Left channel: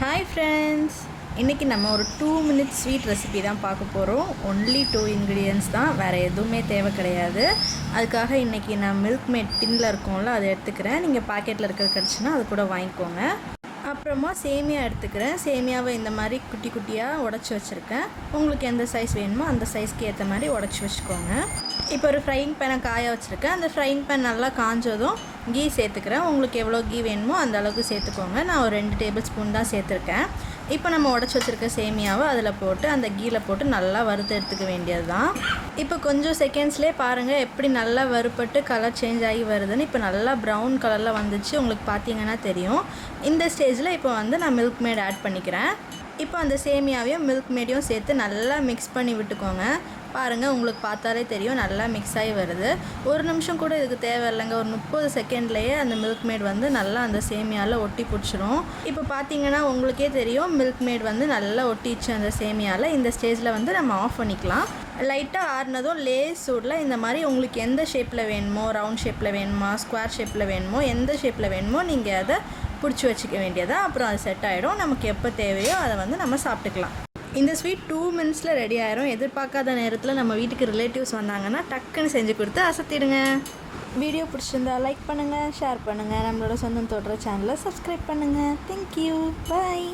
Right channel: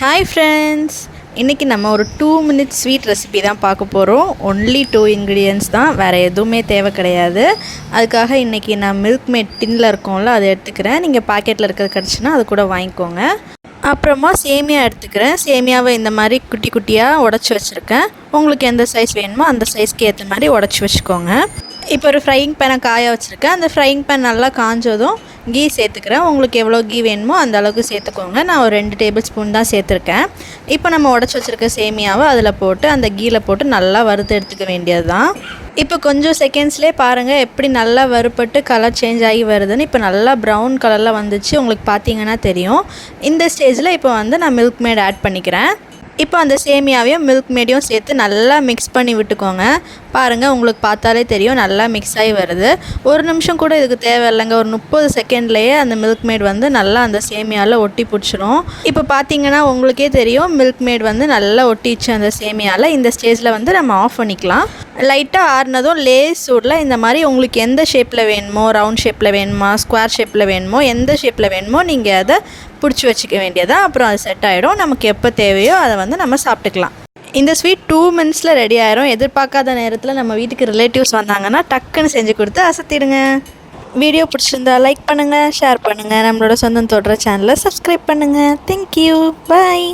Hi friends இன்றைக்கி நம்ம ஒரு டூ மினிட்ஸ் ஸ்வீட் ரெசிபி தான் பார்க்க போகிறோம் ஒன்லி டூ இன்க்ரீடியன்ஸ் தான். வேறு எதுவுமே தேவை கிடையாது. அதுக்காக இன்றைக்கி நான் மில்க் மேட் டின்னில் இருக்கோம்ல அதை எடுத்துக்கிறேன். நீங்கள் பாக்கெட்டில் இருக்கிறது கிடச்சுன்னா அது கூட வாங்கிக்கோங்க. அப்புறமா சேமியா எடுத்துக்கிறேன். சேமியாவை இந்த மாதிரி குட்டி குட்டியாக உடச்சி வச்சுருக்கேன். உங்களுக்கு எந்த சைஸ் வேணுமோ அந்த சைஸ்க்கு ஏற்ற மாதிரி உடச்சி வச்சுக்கோங்க. இப்போ ஒரு ஃப்ரையிங் பேனை காய வச்சுருக்கேன். அந்த ஃப்ரையிங் பேன் நல்லா காஞ்சதும் கீ சேர்த்துக்கிறேன். உங்களுக்கு எவ்வளோ கீ வேணுமோ அந்த அளவுக்கு சேர்த்துக்கோங்க. நான் ஒரு ரெண்டு டேபிள் ஸ்பூன் தான் சேர்த்துருக்கேன். இப்போ நம்ம உடச்சி வச்சுருக்க சேமியாவை அதில் போட்டு அந்த கீயில் போட்டு நல்லா வறுத்து எடுத்துக்க வேண்டியது தான் இப்போ கொஞ்சம் செகண்ட்ஸ்லேயே பாருங்கள் எப்படி நல்லா வறுப்பட்டு கலர் சேஞ்ச் ஆகி வருதுன்னு. இப்போ நல்லா ப்ரௌன் கலரில் வந்துச்சு. உங்களுக்கு பார்த்தீங்கன்னா தெரியும். இந்த ஸ்டேஜில் இப்போ வந்து நான் மில்க் மேட் ஆட் பண்ணிக்கிறேன். இப்போ அந்த சேமியாவையும் மில்க் மேடையும் சேர்த்து நல்லா மிக்ஸ் பண்ணி விட்டுக்கோங்க. பாருங்கள் உங்களுக்கு பார்த்தாலே தெரியும் நல்லா மிக்ஸ் ஆகி வருது. ஒரு நிமிஷம் கூட இதுக்கு தேவையில்லைங்க. ஒரு முப்பது செகண்ட்லேயே அந்த மில்க் மேட் வந்து நல்லா அந்த சேமியாவில் ஒட்டி பிடிச்சிரும். இப்போ பார்த்தீங்கன்னா உங்களுக்கே தெரியும் மில்க் மேட் வந்து நல்லா ஒட்டிச்சு அந்த சேமியாவில் இந்த ஸ்டேஜில் வந்து நம்ம ஆஃப் பண்ணிக்கலாம். லைட்டாக ஆறுனதும் லேஸ் சூடில் இந்த மாதிரி உங்களுக்கு எந்த ஷேப்பில் வேணுமோ ரவுண்ட் ஷேப்பில் வேணுமா ஸ்கொயர் ஷேப்பில் வேணுமோ எந்த ஷேப்பில் வேணுமோ நீங்கள் அதை பிடிச்சி வச்சுக்க வேண்டியதாக அப்புறம் அது செட் ஆகிடும் நமக்கு எப்போ தேவையோ அதை வந்து நம்ம சாப்பிட்டுக்கலாம். இந்த ஸ்வீட் டூ மினிட்ஸில் ரெடி ஆயிரும். எதிர்பார்க்காத நேரத்தில் நம்ம வீட்டுக்கு ரிலேட்டிவ்ஸ் வந்தாங்கன்னா டக்குன்னு செஞ்சு கொடுத்து அசத்திடுங்க. வீடியோ பிடிச்சிருந்தா லைக் பண்ணுங்கள் ஷேர் பண்ணுங்கள் நம்மளோட சொந்தம் தொடர சேனலை சப்ஸ்கிரைப் பண்ணுங்கள் தேங்க்யூ பாய்